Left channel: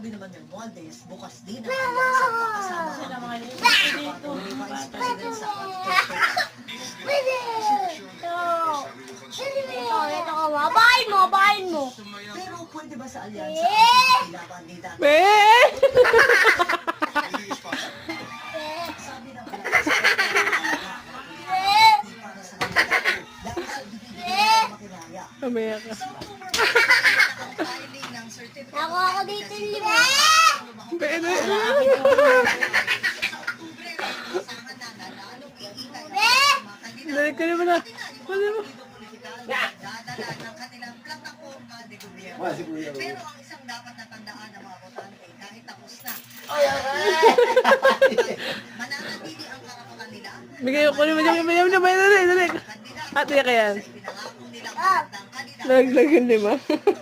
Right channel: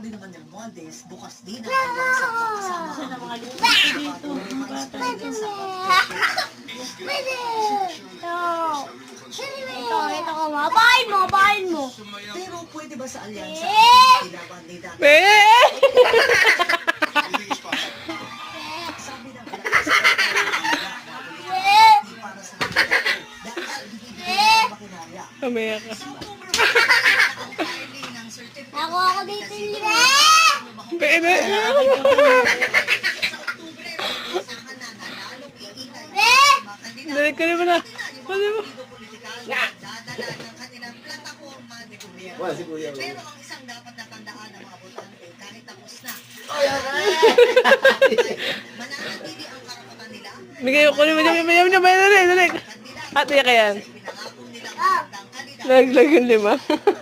sabi naman ng Moldes, bukas din ang aliansa kasama ang Vice President sa Ito ka ba? Bahain mo. Pero pwede ba sa aliansa pinapandida? Sabi ng aliansa, hindi para sa kanila. Dahil hindi makinaya. Kamaya ka. Ako dito yung Pwede. Dali ka naman na. Pwede mo. Dadala ng kanilang plataforma de gobyerno. Pero ang isang dapat natandaan ng mga botante, kahit tapos na, mananatili ang karapatan nila. Bigay ko naman yung dali. At niya kaya. Pinangako nilang magandang kandidato. Naglag yung 5.